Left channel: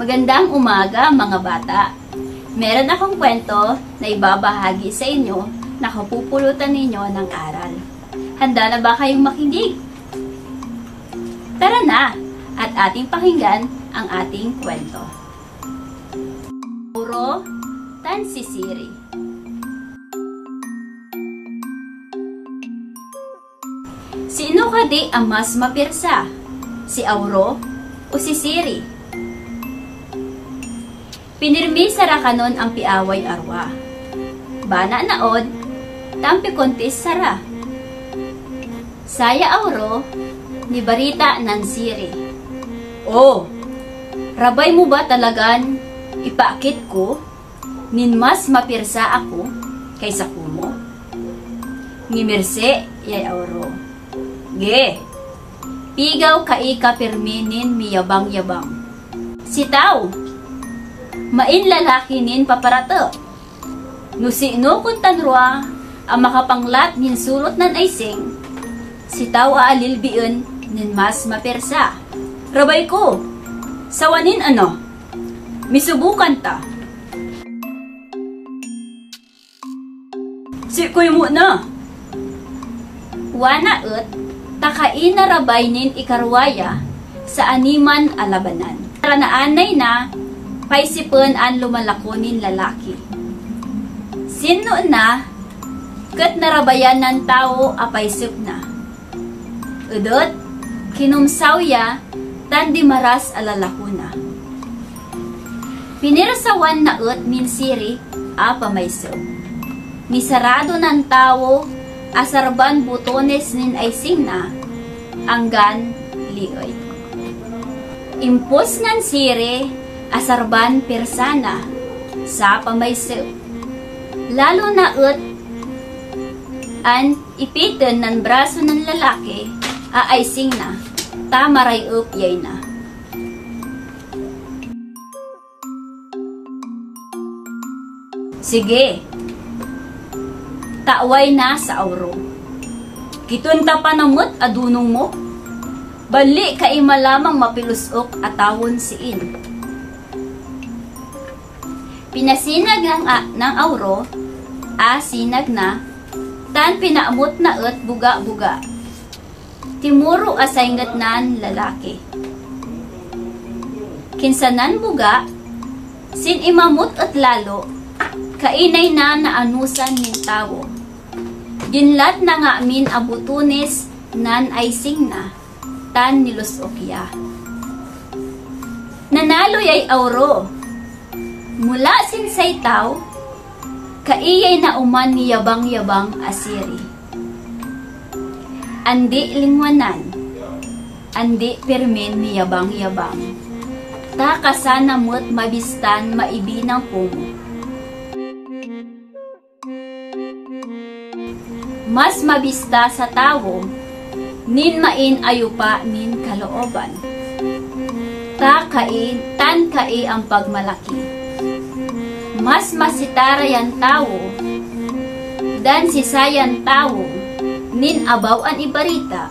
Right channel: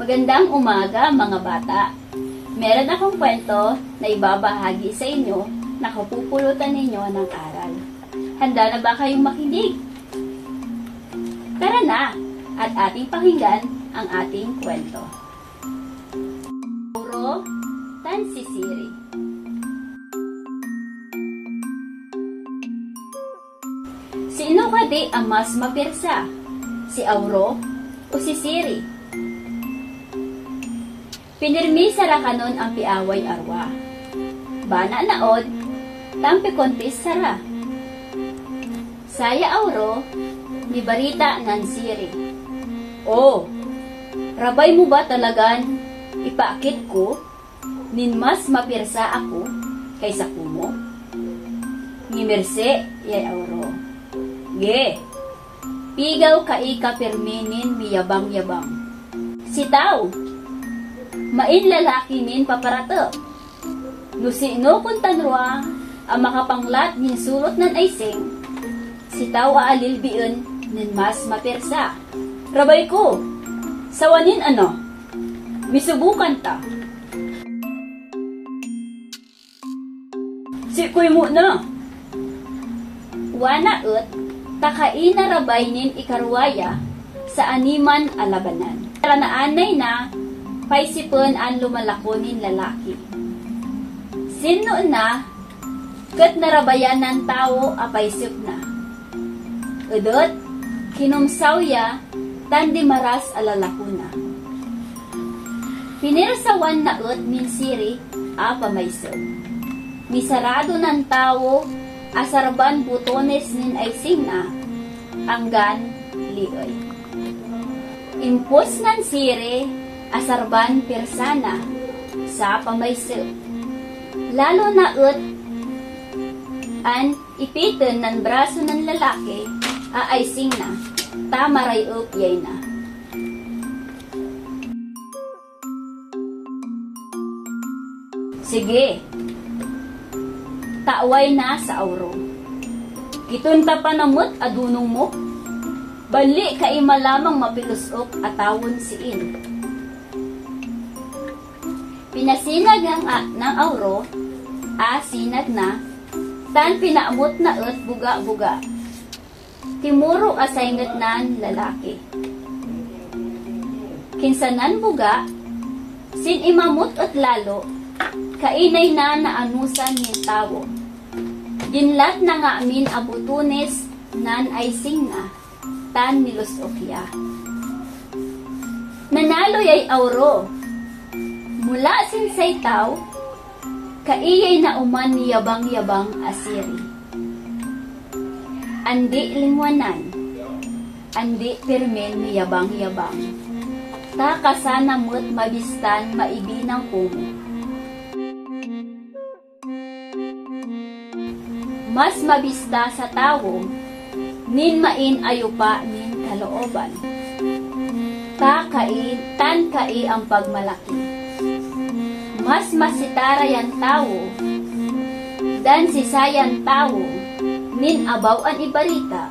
Magandang umaga mga bata. Meron akong kwento na ibabahagi sa inyo na kapupulutan ninyo ng aral. Handa na ba kayong makinig? Tara na at ating pakinggan ang ating kwento. Auro tan si Siri. Sino kadi ang mas mapirsa? Si Auro o si Siri? Pinirmi sa rakanon ang piaway arwa. Bana naod, tampi kontis sara. Saya Auro, ni barita nan Siri. Oh, rabay mo ba talagan ipaakit ko, nin mas mapirsa ako kaysa kumo? Ni Merse, yay Auro. Ge, pigaw kaika pirminin miyabang-yabang. Sitaw, main lalaki nin paparato. No sino kung tanrua ang makapanglat nin sulot nan aising, sitaw aalilbiun nin mas mapirsa. Rabay ko, sawanin ano, misubukan ta. Si kuy mo na. Wana ut, takain na rabay nin ikarwaya sa animan alabanan. Ranaanay na, paisipon ang lumalakonin lalaki. Sino na, kat narabayan ng tao apaisip na. Udot, kinumsawya, tandi maras alalakuna. Pinirsawan na ut min Siri, apamaisip. Nisarado ng tao, asarban butones nin aising na, anggan lioy. Impos ng Siri, asarban persana sa pamaisip. Lalo na ut an ipiton ng braso ng lalaki aaising na tamaray up yay na. Sige, taaway na sa Auro. Kitunta pa namut adunong mo, bali ka malamang mapilusok atawon siin. Pinasinag ng Auro, sinag na, tan pinaamot na ut buga-buga. Timuro asayngat nan lalaki. Kinsanan buga, sin imamot at lalo, kainay na naanusan ni tao. Ginlat na nga amin abutunes nan aising na, tan nilusokya. Nanalo yay Auro. Mula sin saytaw, kaiyay na uman ni yabang-yabang asiri. Andi lingwanan, andi pirmin ni yabang-yabang. Ta kasana mo't mabistan maibinang pumo. Mas mabista sa tao, nin main ayupa nin kalooban. Ta kai, tan kai ang pagmalaki. Mas masitara yan tao, dan sisayan tao, nin abaw an ibarita,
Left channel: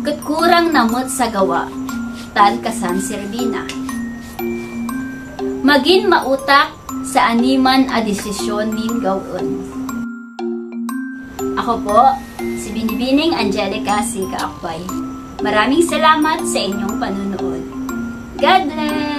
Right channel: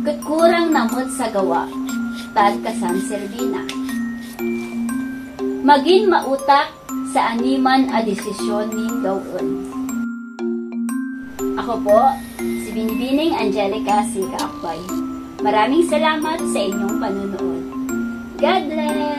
kat kurang namot sa gawa, tal kasan serbina. Magin mautak sa animan a desisyon nin gawon. Ako po, si Binibining Angelica C. Kaakbay. Maraming salamat sa inyong panunood. God bless!